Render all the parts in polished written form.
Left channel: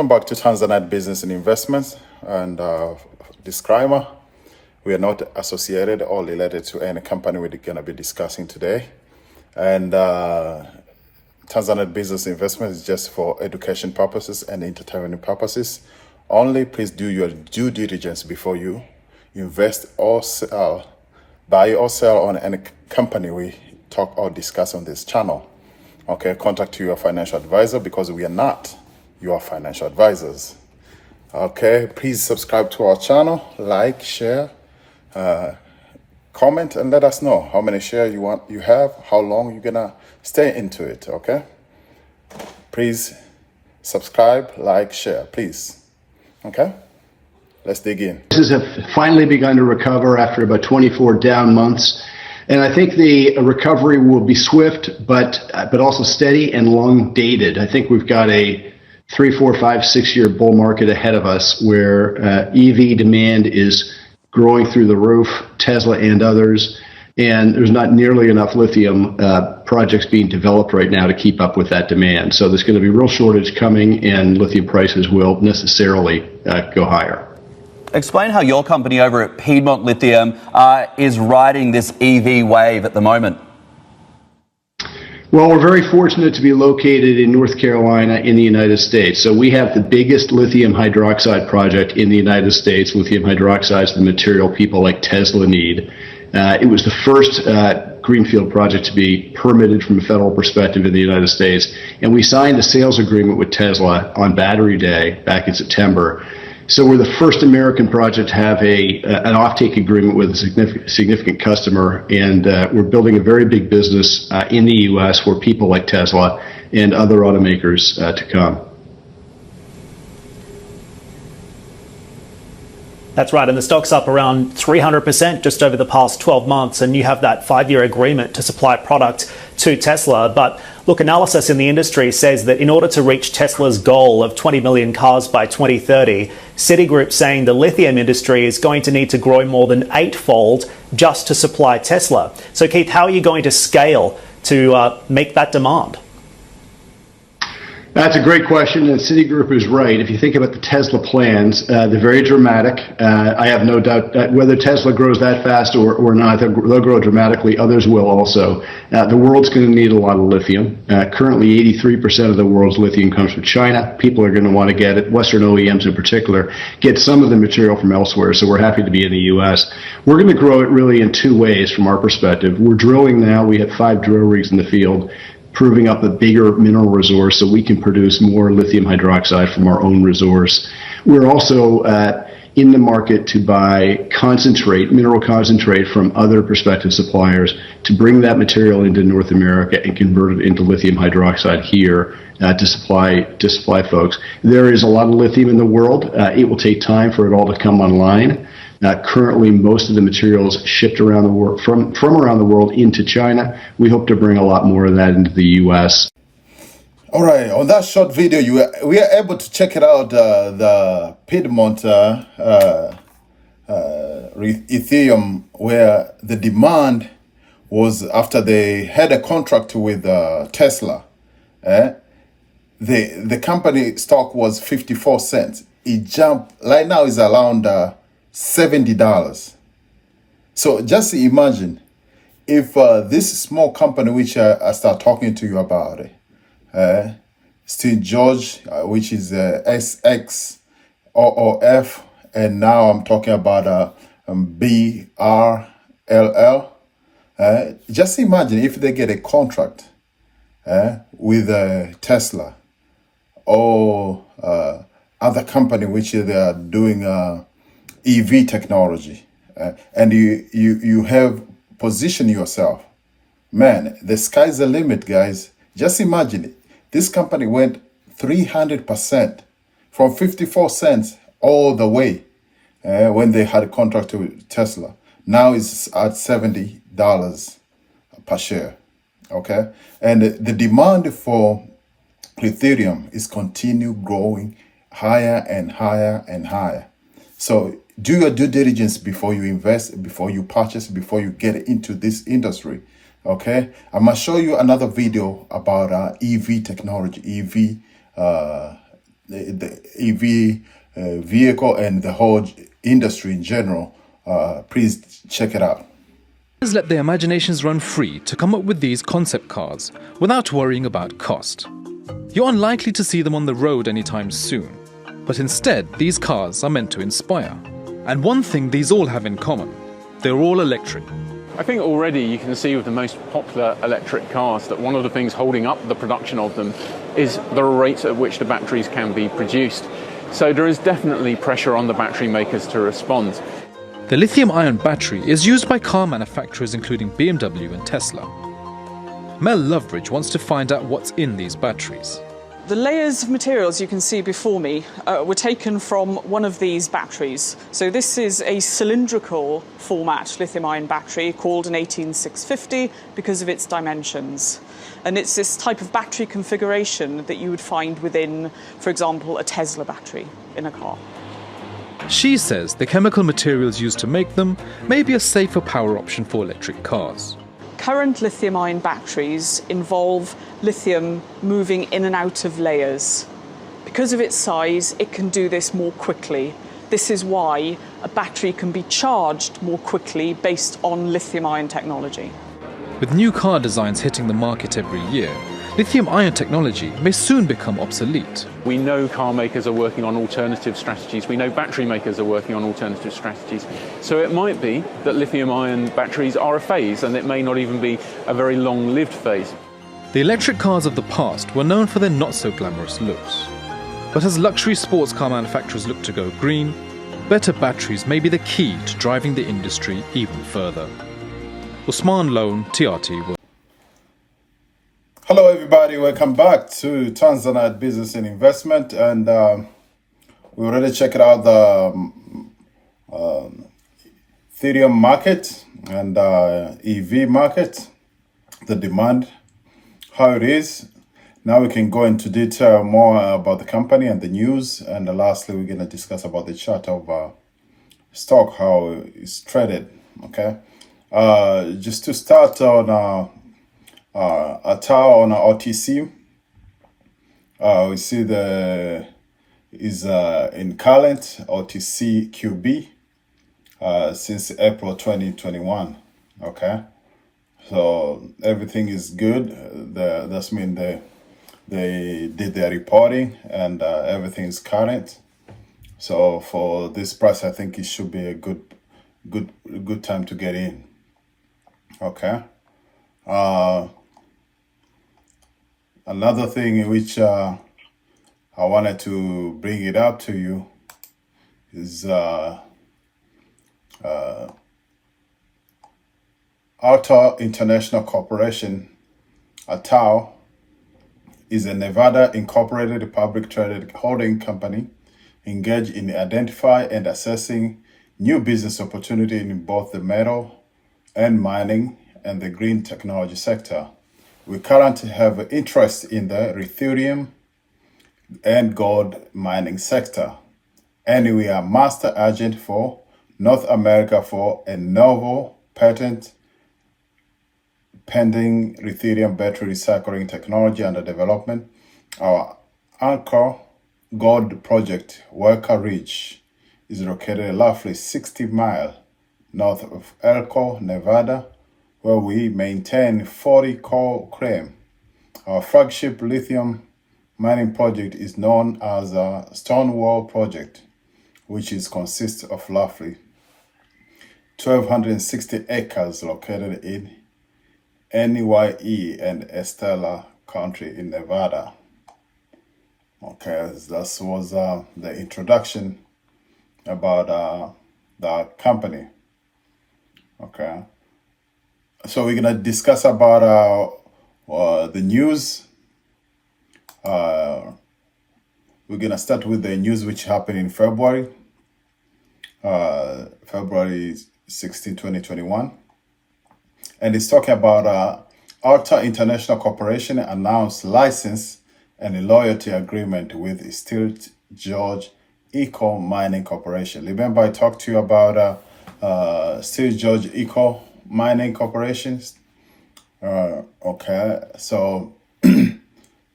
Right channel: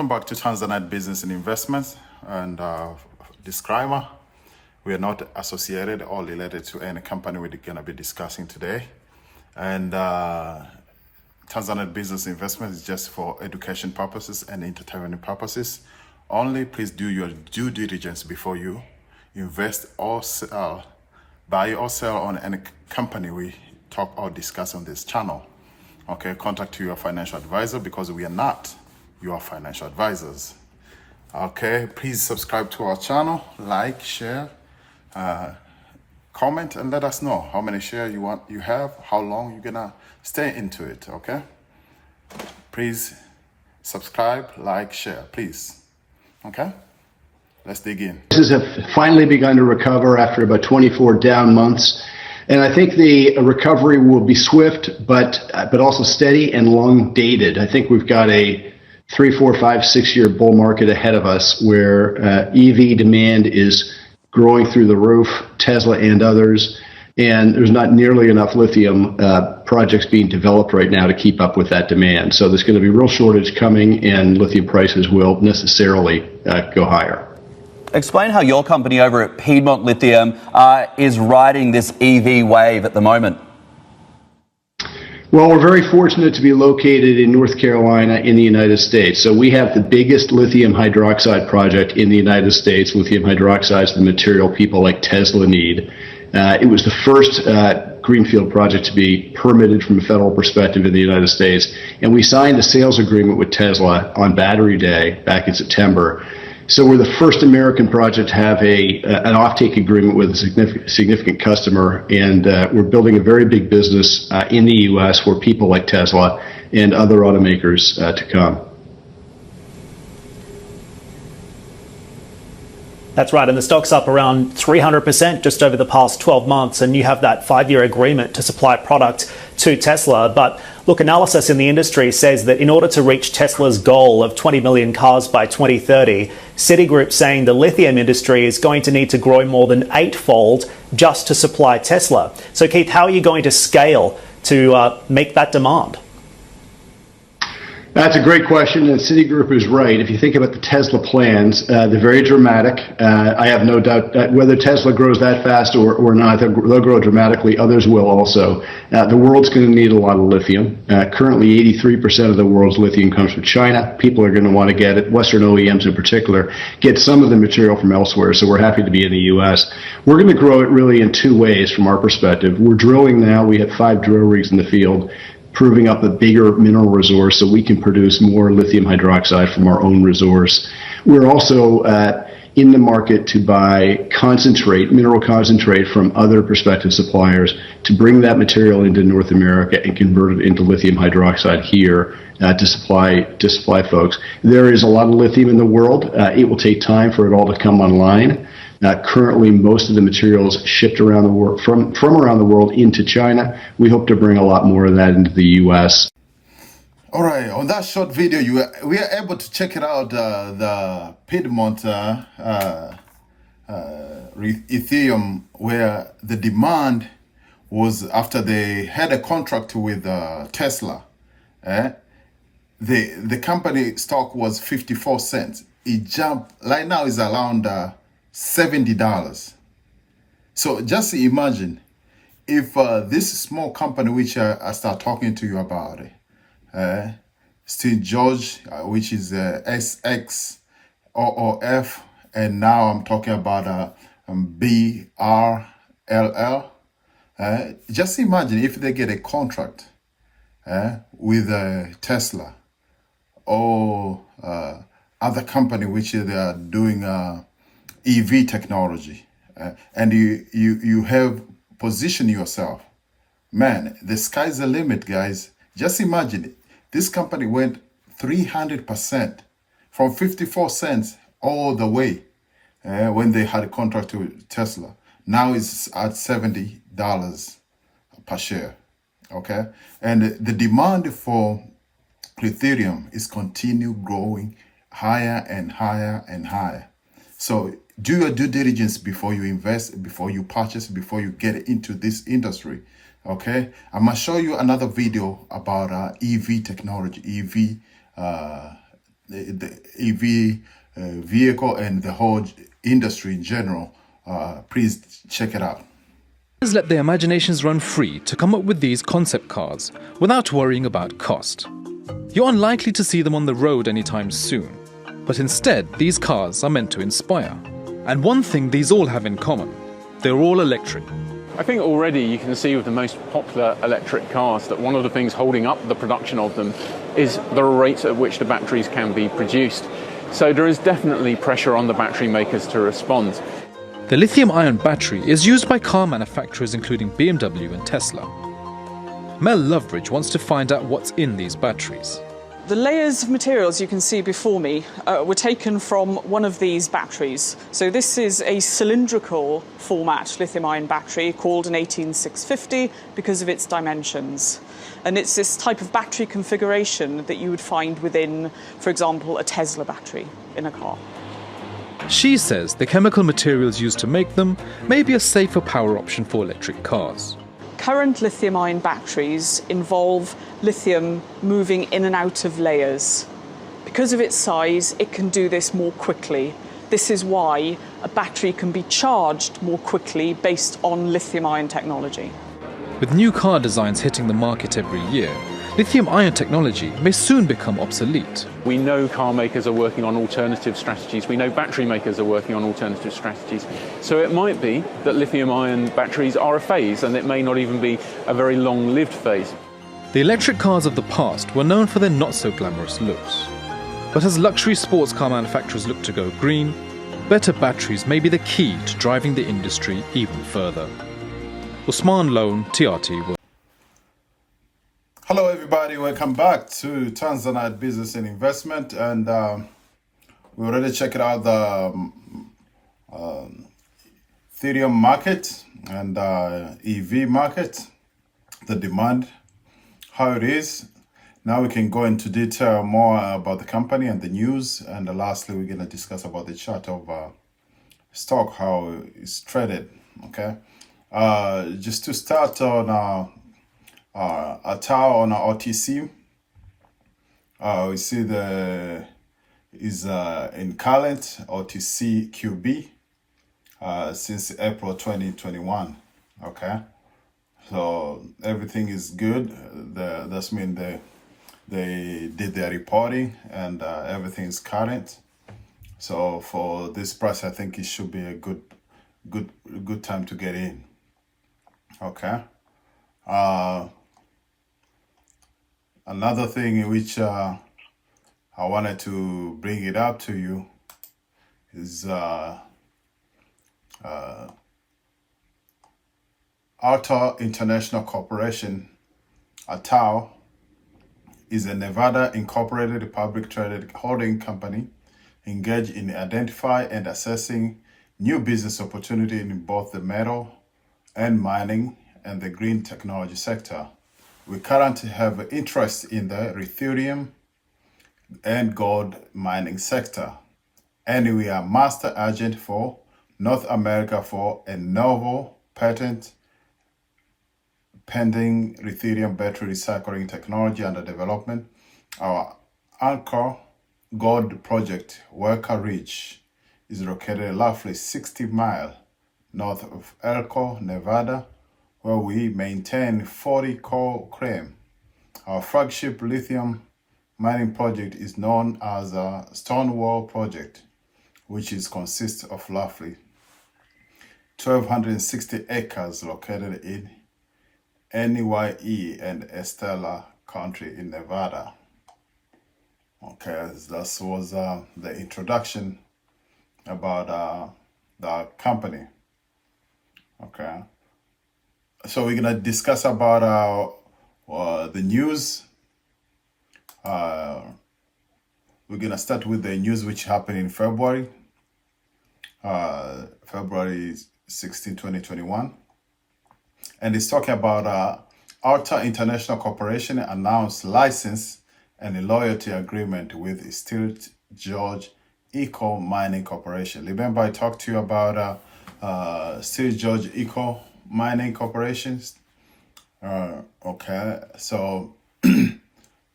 welcome back to Tanzanite Business and Investments. And disclaimer, we are not associated or related to any company we're going to be discussing today. And Tanzanite Business Investment is just for education purposes and entertainment purposes. Only please do your due diligence before you invest or sell, buy or sell on any company we talk or discuss on this channel. Okay, contact your financial advisor because we are not your financial advisors. Okay, please subscribe to our channel, like, share, comment, and let us know how many shares you have, how long you're gonna stay into it. Okay, please subscribe, like, share, please. Okay, let's dig in. Prices have finally begun to recover after about 24 down months. And I think the recovery will be swift, but also steady and long dated. I think we've got a 3, 4, 5, 6 year bull market ahead of us where EV demand is growing through the roof, Tesla and others, and there's not nearly enough lithium projects being developed right now to keep up with that demand. So there's going to be real shortage coming, and lithium prices will necessarily go higher. Explain how your company over at Piedmont Lithium is riding this EV wave at the moment. Well, we're very fortunate to be located in North Carolina in the United States. So we have the biggest lithium hydroxide project in the United States. Lithium hydroxide is the material people like Tesla need. It was the first greenfield project to be permitted from a federal perspective in the United States. And we signed a sales agreement with Tesla on Battery Day back in September. So we're the first American project to have an offtake agreement with a significant customer, and we're building a very big business in the U.S. for people like Tesla and other automakers to come. That's right, and the stock's up around 300% just over the past 12 months, and you have that 5-year agreement to supply product to Tesla. But look, analysis in the industry says that in order to reach Tesla's goal of 20 million cars by 2030, Citigroup's saying the lithium industry is going to need to grow more than 8-fold just to supply Tesla. So Keith, how are you going to scale to make that demand? That's a great question, and Citigroup is right. If you think about the Tesla plans, they're very dramatic. I have no doubt that whether Tesla grows that fast or not, they'll grow dramatically. Others will also. The world's going to need a lot of lithium. Currently, 83% of the world's lithium comes from China. People are going to want to get it, Western OEMs in particular, get some of the material from elsewhere, so we're happy to be in the U.S. We're going to grow it really in 2 ways from our perspective. We're drilling now. We have 5 drill rigs in the field, proving up a bigger mineral resource so we can produce more lithium hydroxide from our own resource. We're also in the market to buy concentrate, mineral concentrate from other prospective suppliers to bring that material into North America and convert it into lithium hydroxide here to supply folks. There is a lot of lithium in the world. It will take time for it all to come online. Currently, most of the materials shipped around the world from around the world into China. We hope to bring a lot more of that into the U.S. All right, on that short video, we are able to check it out, the Piedmont Lithium, where the demand was after they had a contract with Tesla. The company stock was 54 cents. It jumped, right now is around $70. So just imagine if this small company, which I start talking to you about, Steve George, which is SXOOF, and now I'm talking about BRLL. Just imagine if they get a contract with Tesla or other company which they are doing EV technology, and you have positioned yourself. Man, the sky's the limit, guys. Just imagine it. This company went 300% from 54 cents all the way when they had a contract with Tesla. Now it's at $70 per share. Okay, and the demand for lithium is continue growing higher and higher and higher. So do your due diligence before you invest, before you purchase, before you get into this industry. Okay, I'm gonna show you another video about EV technology, EV the EV vehicle and the whole industry in general, please check it out. Let their imaginations run free to come up with these concept cars without worrying about cost. You're unlikely to see them on the road anytime soon, but instead these cars are meant to inspire. And one thing these all have in common, they're all electric. I think already you can see with the most popular electric cars that one of the things holding up the production of them is the rate at which the batteries can be produced. So there is definitely pressure on the battery makers to respond. The lithium-ion battery is used by car manufacturers including BMW and Tesla. Mel Loveridge wants to find out what's in these batteries. The layers of materials you can see before me were taken from one of these batteries. So this is a cylindrical format lithium-ion battery called an 18650 because of its dimensions. And it's this type of battery configuration that you would find within, for example, a Tesla battery in a car. She says the chemical materials used to make them may be a safer power option for electric cars. Current lithium-ion batteries involve lithium moving in and out of layers. Because of its size, it can do this more quickly. This is why a battery can be charged more quickly based on lithium-ion technology. With new car designs hitting the market every year, lithium-ion technology may soon become obsolete. We know car makers are working on alternative strategies. We know battery makers are working on alternative strategies. So it might be that lithium-ion batteries are a phase, and it may not even be a very long-lived phase. The electric cars of the past were known for their not-so-glamorous looks. But as luxury sports car manufacturers look to go green, better batteries may be the key to driving the industry even further. Usman Lone, TRT. Hello, everybody. Welcome back to Tanzanite Business and Investment. And we already checked out the Ethereum market and EV market, the demand, how it is. Now we can go into detail more about the company and the news. And lastly, we're going to discuss about the chart of stock, how it's traded. Okay. Just to start on Atao on OTC, we see the is in current OTC QB since April 2021. Okay, so everything is good. That's mean they did their reporting and everything is current. So for this price, I think it should be a good time to get in. Okay. Another thing which I wanted to bring it up to you is Altair International Corporation, Atao, is a Nevada incorporated public traded holding company engaged in identifying and assessing new business opportunity in both the metal and mining and the green technology sector. We currently have interest in the Lithium and gold mining sector, and we are master agent for North America for a novel patent pending lithium battery recycling technology under development. Our anchor gold project, Walker Ridge, is located roughly 60 miles north of Elko, Nevada, where we maintain 40 core claim. Our flagship lithium mining project is known as a Stonewall Project, which consists of roughly 1,260 acres located in NYE and Estella County in Nevada. Okay, that was the introduction about the company. Okay. So we're gonna discuss about the news. We're gonna start with the news which happened in February, February 16, 2021. And it's talking about Altair International Corporation announced license and a loyalty agreement with Steel George Eco Mining Corporation. Remember I talked to you about Steel George Eco Mining Corporations. Okay, so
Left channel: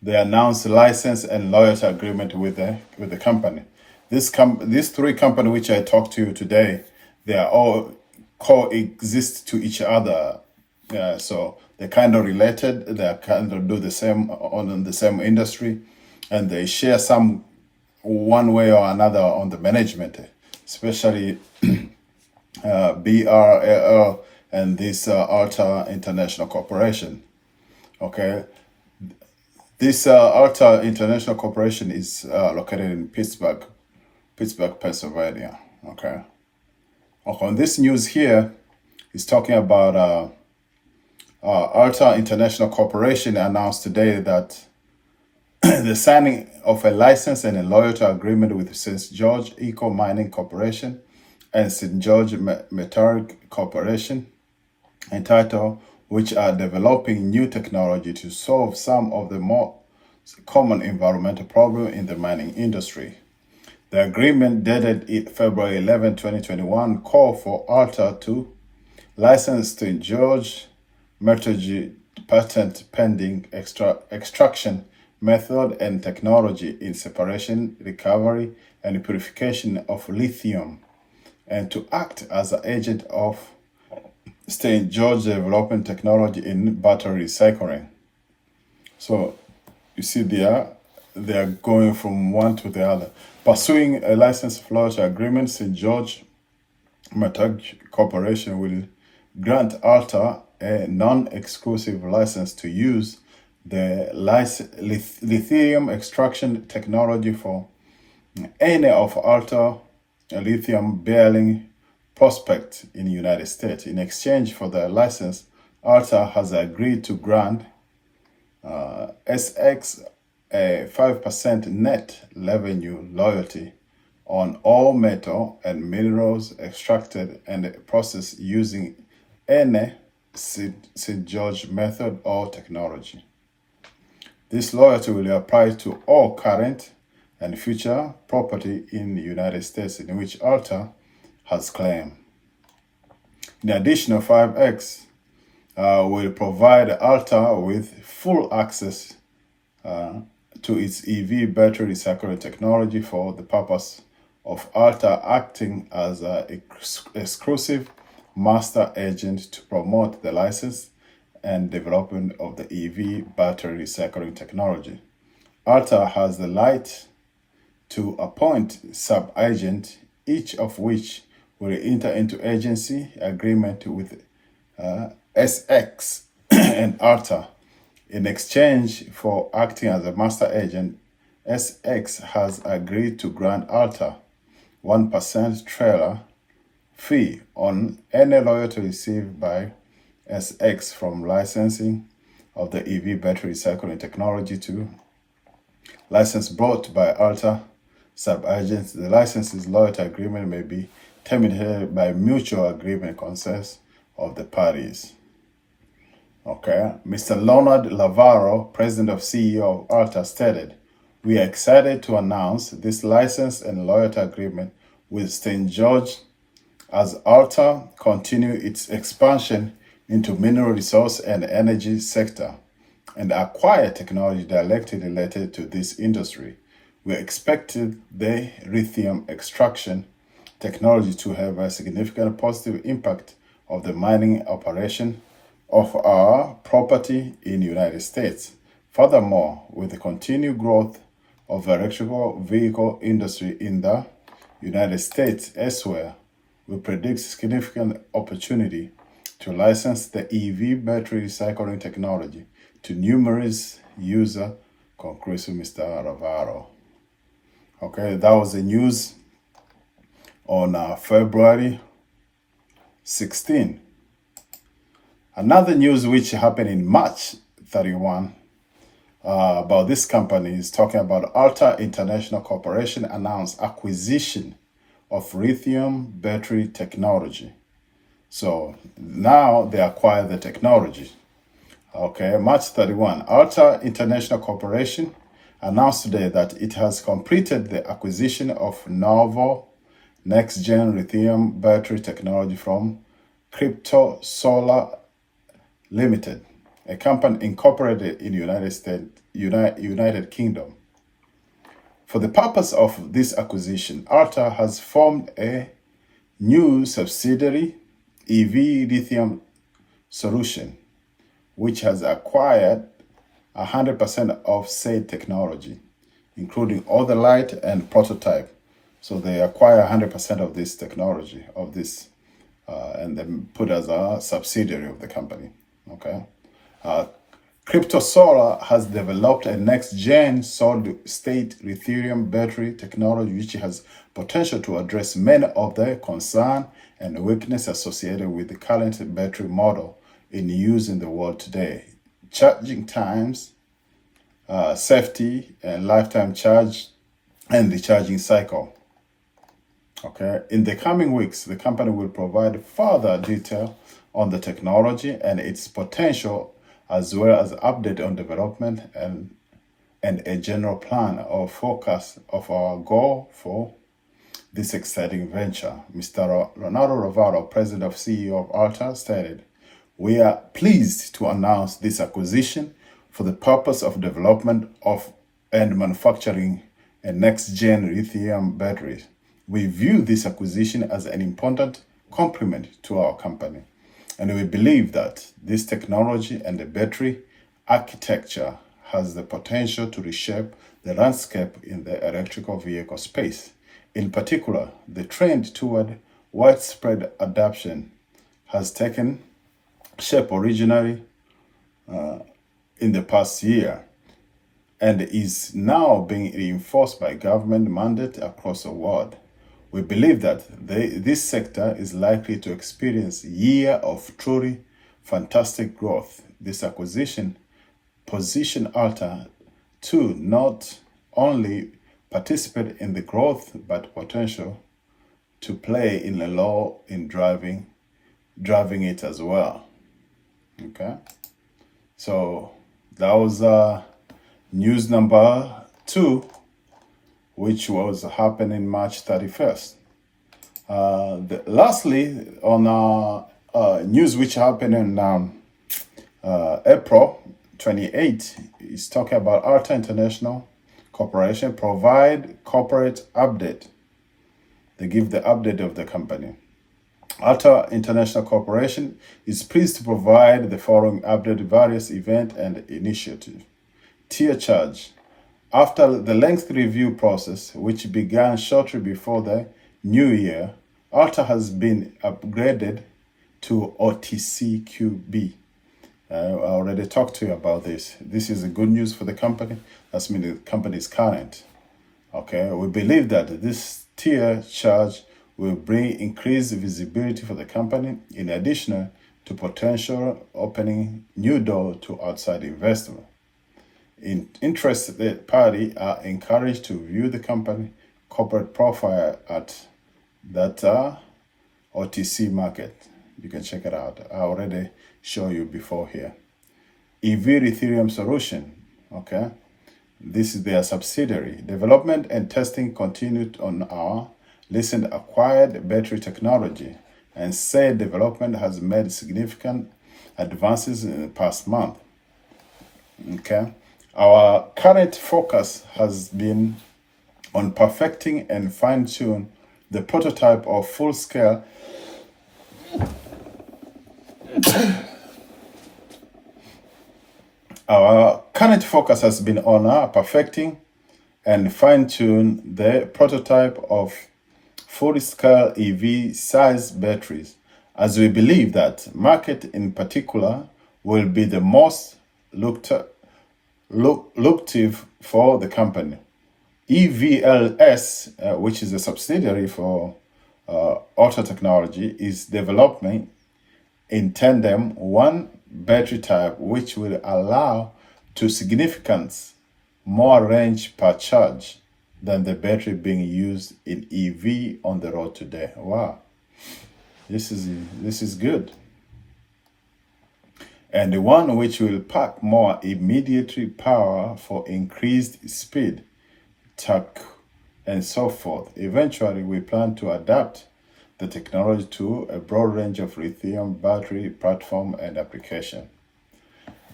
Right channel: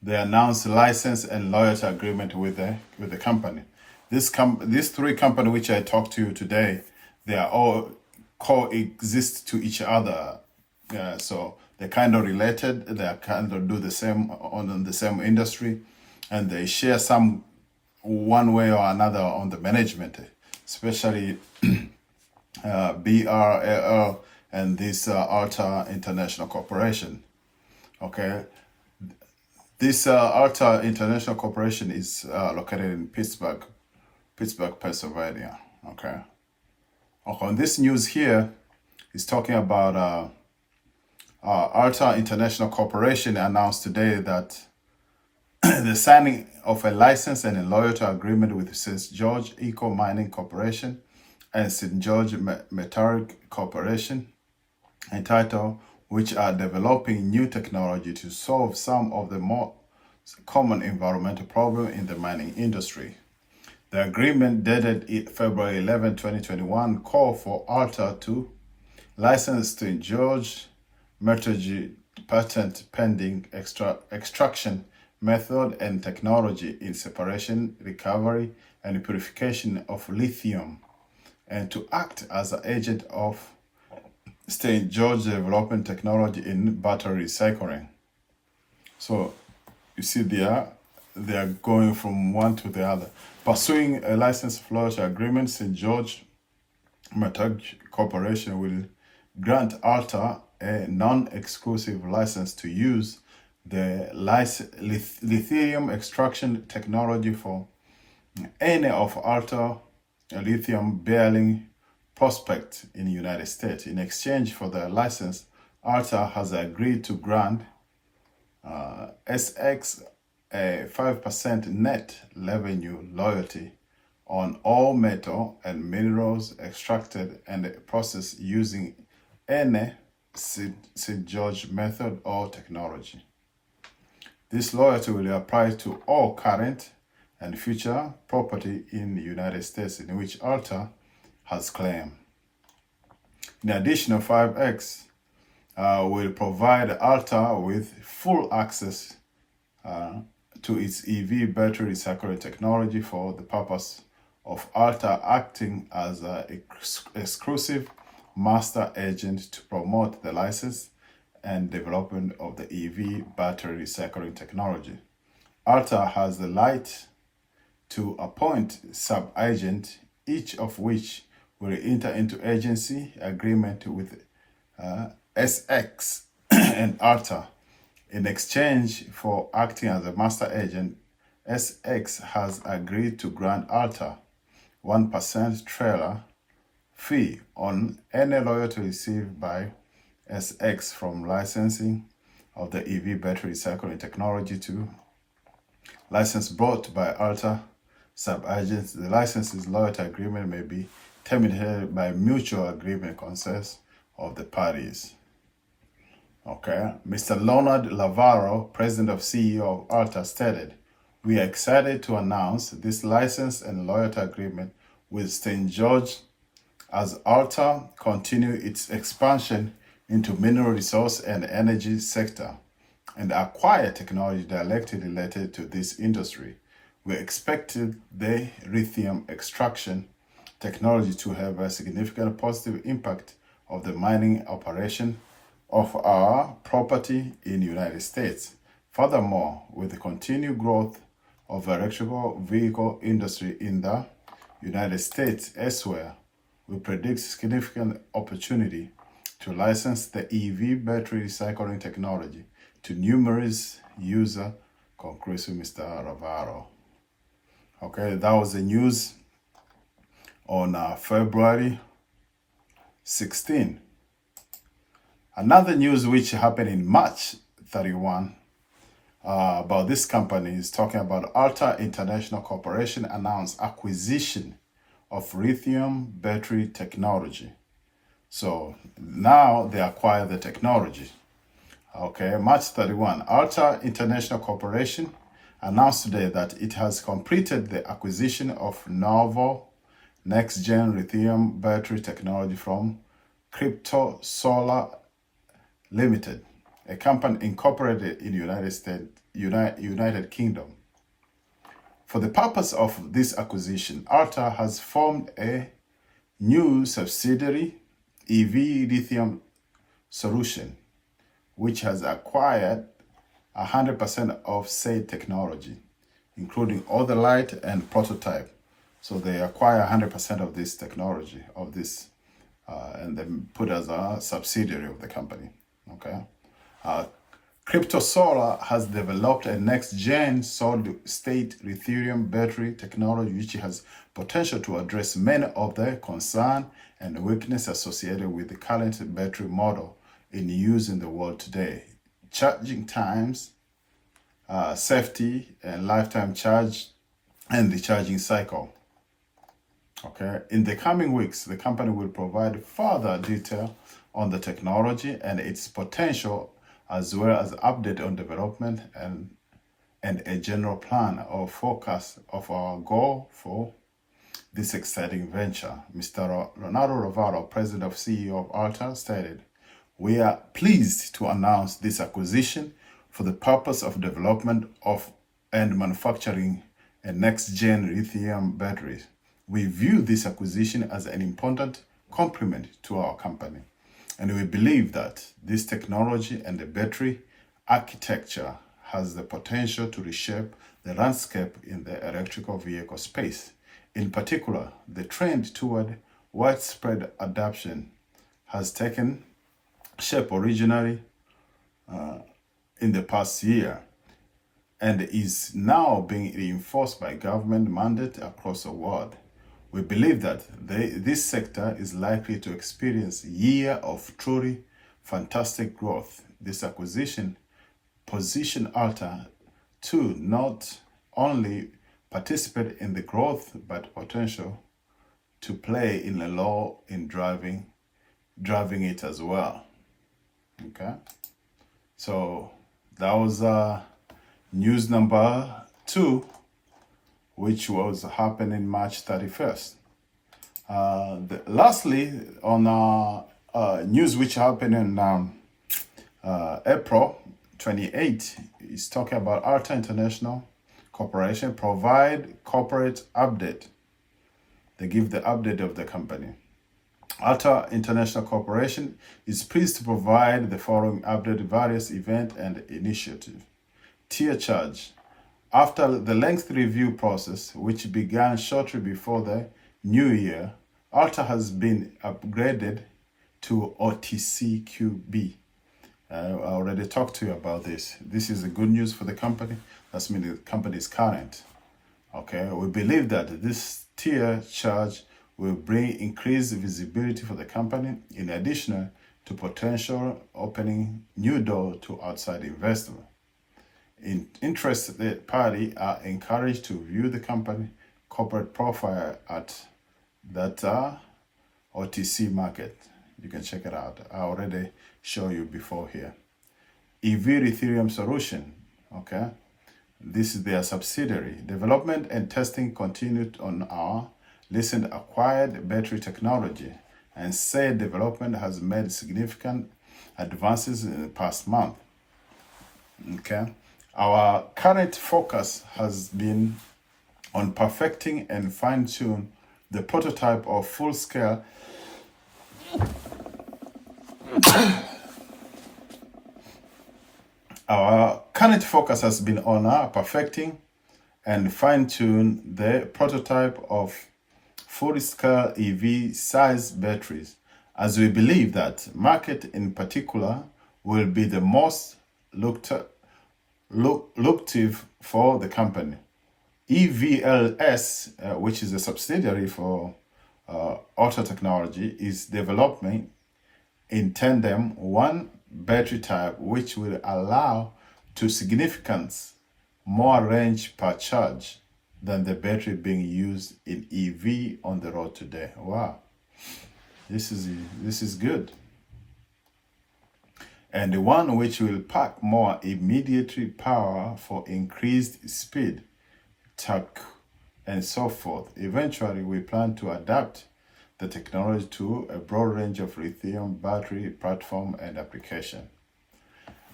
they announced license and loyalty agreement with the company. These three companies which I talked to today, they are all coexist to each other. So they're kind of related. They kind of do the same on the same industry, and they share some one way or another on the management, especially BRL and this Altair International Corporation. Okay, this Altair International Corporation is located in Pittsburgh, Pennsylvania. Okay. On this news here is talking about Altair International Corporation announced today that the signing of a license and a loyalty agreement with St. George Eco Mining Corporation and St. George Metallic Corporation and Atao, which are developing new technology to solve some of the more common environmental problems in the mining industry. The agreement dated February 11, 2021 called for Altair to license St. George Metallurgy patent pending extraction method and technology in separation, recovery, and purification of lithium, and to act as an agent of St. George development technology in battery recycling. So you see they are going from one to the other. Pursuing a license loyalty agreement, St. George Metallic Corporation will grant Altair a non-exclusive license to use the lithium extraction technology for any of Altair lithium-bearing prospects in the United States. In exchange for the license, Altair has agreed to grant SX a 5% net revenue loyalty on all metal and minerals extracted and processed using any St. George method or technology. This loyalty will apply to all current and future property in the United States in which Altair has claim. In addition, 5X will provide Altair with full access to its EV battery recycling technology for the purpose of Altair acting as an exclusive master agent to promote the license and development of the EV battery recycling technology. Altair has the right to appoint sub-agents, each of which will enter into agency agreement with SX and Altair. In exchange for acting as a master agent, SX has agreed to grant Altair 1% trailer fee on any loyalty received by SX from licensing of the EV battery recycling technology to license brought by Altair sub-agents. The license's loyalty agreement may be terminated by mutual agreement consent of the parties. Okay, Mr. Leonard Lavaro, president of CEO of Altair, stated, "We are excited to announce this license and loyalty agreement with St. George as Altair continue its expansion into mineral resource and energy sector and acquire technology directly related to this industry. We expected the lithium extraction technology to have a significant positive impact of the mining operation of our property in the United States. Furthermore, with the continued growth of the electrical vehicle industry in the United States elsewhere, we predict significant opportunity to license the EV battery recycling technology to numerous users," concludes Mr. Ravaro. Okay, that was the news on February 16. Another news which happened in March 31 about this company is talking about Altair International Corporation announced acquisition of lithium battery technology. So now they acquire the technology. Okay, March 31, Altair International Corporation announced today that it has completed the acquisition of novel next-gen lithium battery technology from Crypto Solar Limited, a company incorporated in United Kingdom. For the purpose of this acquisition, Altair has formed a new subsidiary, EV Lithium Solution, which has acquired 100% of said technology, including all the light and prototype. So they acquire 100% of this technology, and then put as a subsidiary of the company. Okay. Crypto Solar has developed a next-gen solid-state lithium battery technology which has potential to address many of the concern and weakness associated with the current battery model in use in the world today. Charging times, safety, and lifetime charge, and the charging cycle. Okay. In the coming weeks, the company will provide further detail on the technology and its potential, as well as update on development and a general plan or forecast of our goal for this exciting venture. Mr. Ronaldo Rovaro, President of CEO of Altair, stated, "We are pleased to announce this acquisition for the purpose of development of and manufacturing a next-gen lithium batteries. We view this acquisition as an important complement to our company, and we believe that this technology and the battery architecture has the potential to reshape the landscape in the electrical vehicle space. In particular, the trend toward widespread adoption has taken shape originally in the past year and is now being reinforced by government mandate across the world. We believe that this sector is likely to experience a year of truly fantastic growth. This acquisition positions Altair to not only participate in the growth, but potential to play in the role in driving it as well." Okay, so that was news number 2, which was happening March 31st. Lastly, on news which happened in April 28, is talking about Altair International Corporation provide corporate update. They give the update of the company. Atao International Corporation is pleased to provide the following update: various event and initiative. Tier charge. After the lengthy review process, which began shortly before the new year, Altair has been upgraded to OTCQB. I already talked to you about this. This is a good news for the company. That's mean the company is current. Okay, we believe that this tier charge will bring increased visibility for the company, in addition to potential opening new door to outside investment. Interested parties are encouraged to view the company corporate profile at that OTC market. You can check it out. I already showed you before here. EV Lithium Solution, okay? This is their subsidiary. Development and testing continued on our recent acquired battery technology, and said development has made significant advances in the past month. Okay? Our current focus has been on perfecting and fine-tune the prototype of full-scale Our current focus has been on perfecting and fine-tune the prototype of full-scale EV-size batteries, as we believe that market in particular will be the most lucrative for the company. EVLS, which is a subsidiary for Auto Technology, is developing in tandem one battery type which will allow to significant more range per charge than the battery being used in EV on the road today. Wow, this is good. And the one which will pack more immediate power for increased speed, torque, and so forth. Eventually, we plan to adapt the technology to a broad range of lithium battery platform and application.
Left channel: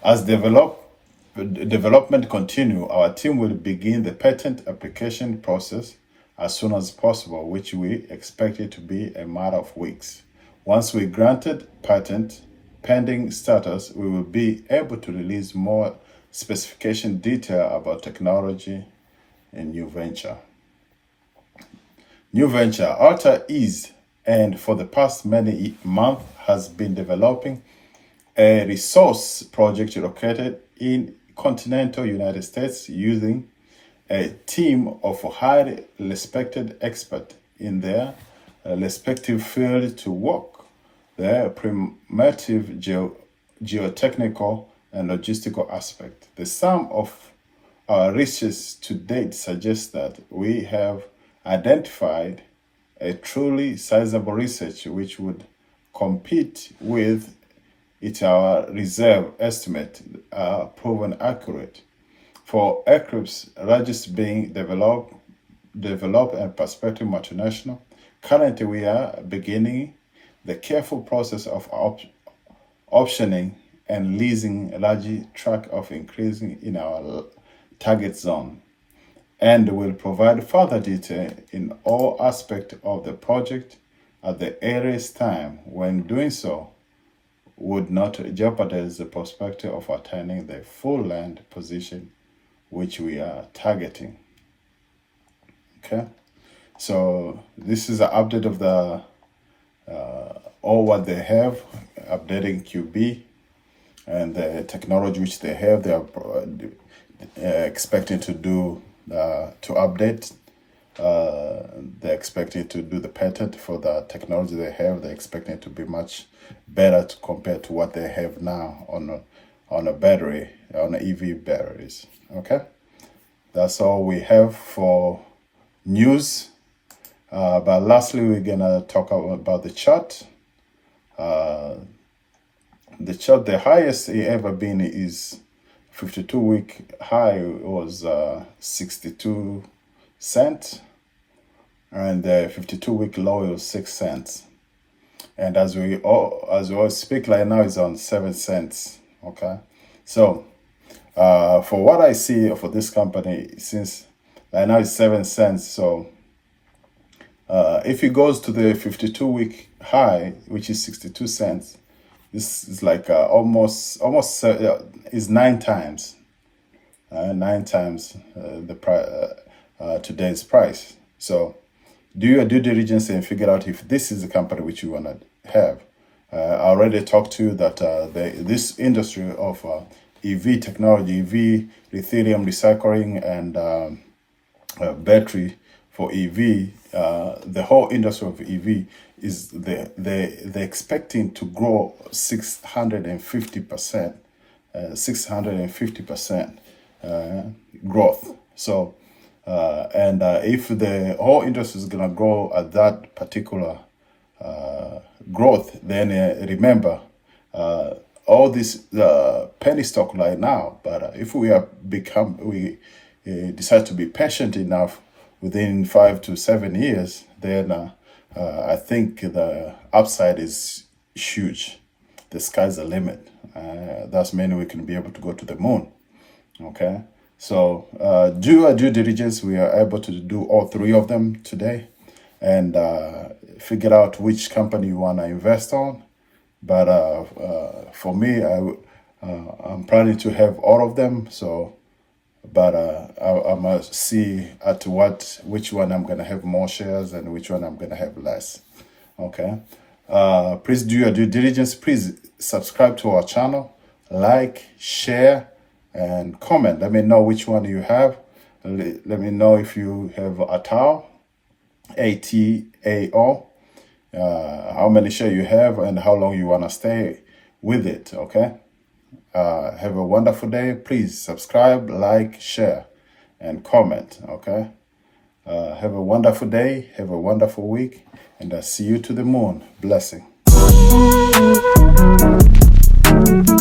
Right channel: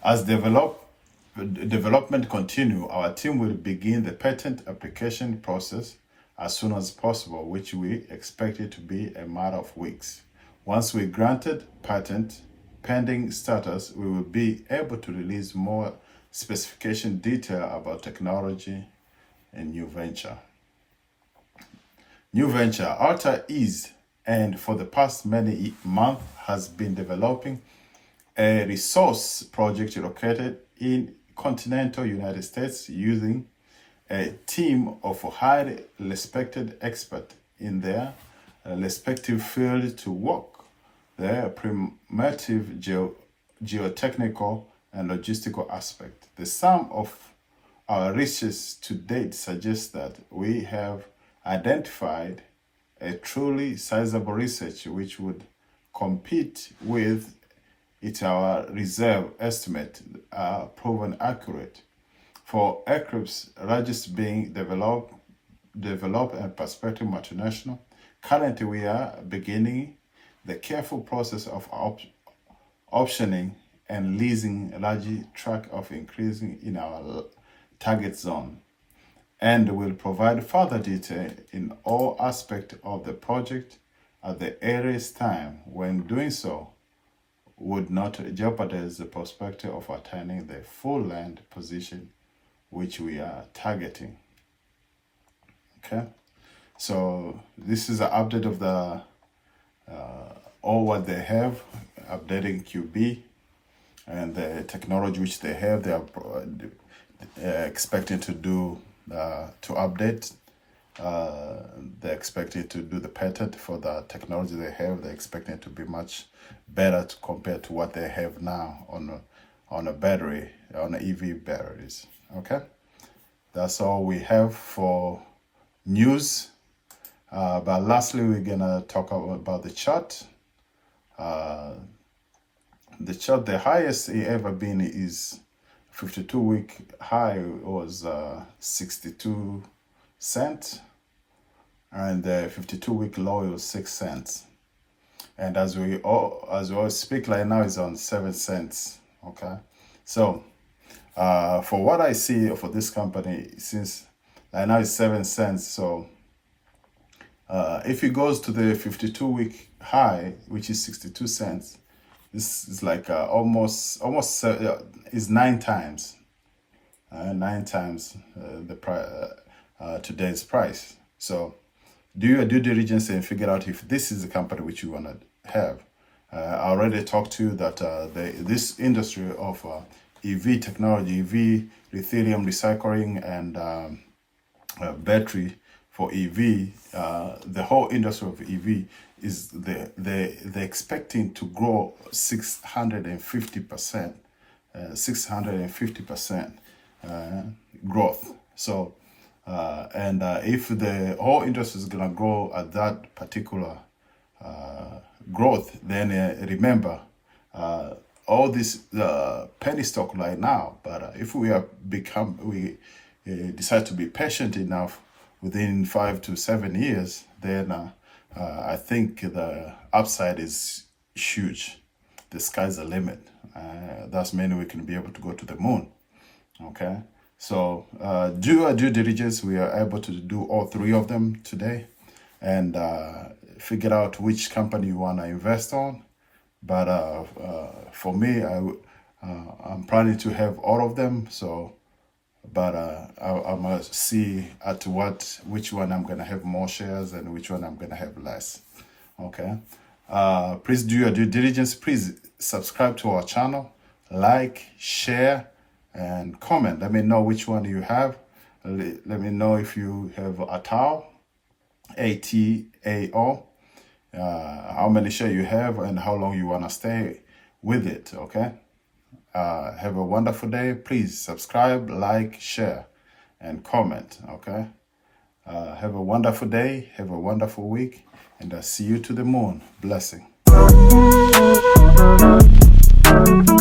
As development continue, our team will begin the patent application process as soon as possible, which we expect it to be a matter of weeks. Once we granted patent pending status, we will be able to release more specification detail about technology and new venture. New venture, Altair is, and for the past many months has been developing a resource project located in continental United States using a team of highly respected experts in their respective field to work the primitive geotechnical and logistical aspect. The sum of our research to date suggests that we have identified a truly sizable research which would compete with our reserve estimate proven accurate. For aircrafts largest being developed and prospective multinational, currently we are beginning the careful process of optioning and leasing a large tract of increasing in our target zone, and will provide further detail in all aspects of the project at the earliest time. When doing so, would not jeopardize the perspective of attaining the full land position which we are targeting. Okay, so this is an update of the all what they have, updating QB and the technology which they have. They are expecting to do to update. They're expecting to do the patent for the technology they have. They're expecting it to be much better compared to what they have now on a battery, on EV batteries. Okay, that's all we have for news. But lastly, we're gonna talk about the chart. The chart, the highest it ever been is 52-week high was 62 cents, and the 52-week low was 6 cents. And as we all speak right now, it's on 7 cents. Okay, so for what I see for this company, since right now it's 7 cents, so if it goes to the 52-week high, which is 62 cents, this is like almost is 9 times, the price, today's price. So do your due diligence and figure out if this is the company which you want to have. I already talked to you that this industry of EV technology, EV, lithium recycling, and battery for EV, the whole industry of EV is they're expecting to grow 650%, 650% growth. So, and if the whole industry is gonna grow at that particular growth, then remember all this penny stock right now. But if we decide to be patient enough, within 5 to 7 years, then I think the upside is huge. The sky's the limit. That's meaning we can be able to go to the moon. Okay, so do our due diligence. We are able to do all 3 of them today, and figure out which company you want to invest on. But for me, I'm planning to have all of them. So, but I must see at which one I'm gonna have more shares and which one I'm gonna have less. Okay. Please do your due diligence. Please subscribe to our channel, like, share, and comment. Let me know which one you have. Let me know if you have Atao, ATAO, how many shares you have and how long you want to stay with it. Okay. Have a wonderful day. Please subscribe, like, share, and comment. Okay. Have a wonderful day. Have a wonderful week. And I'll see you to the moon. Blessing.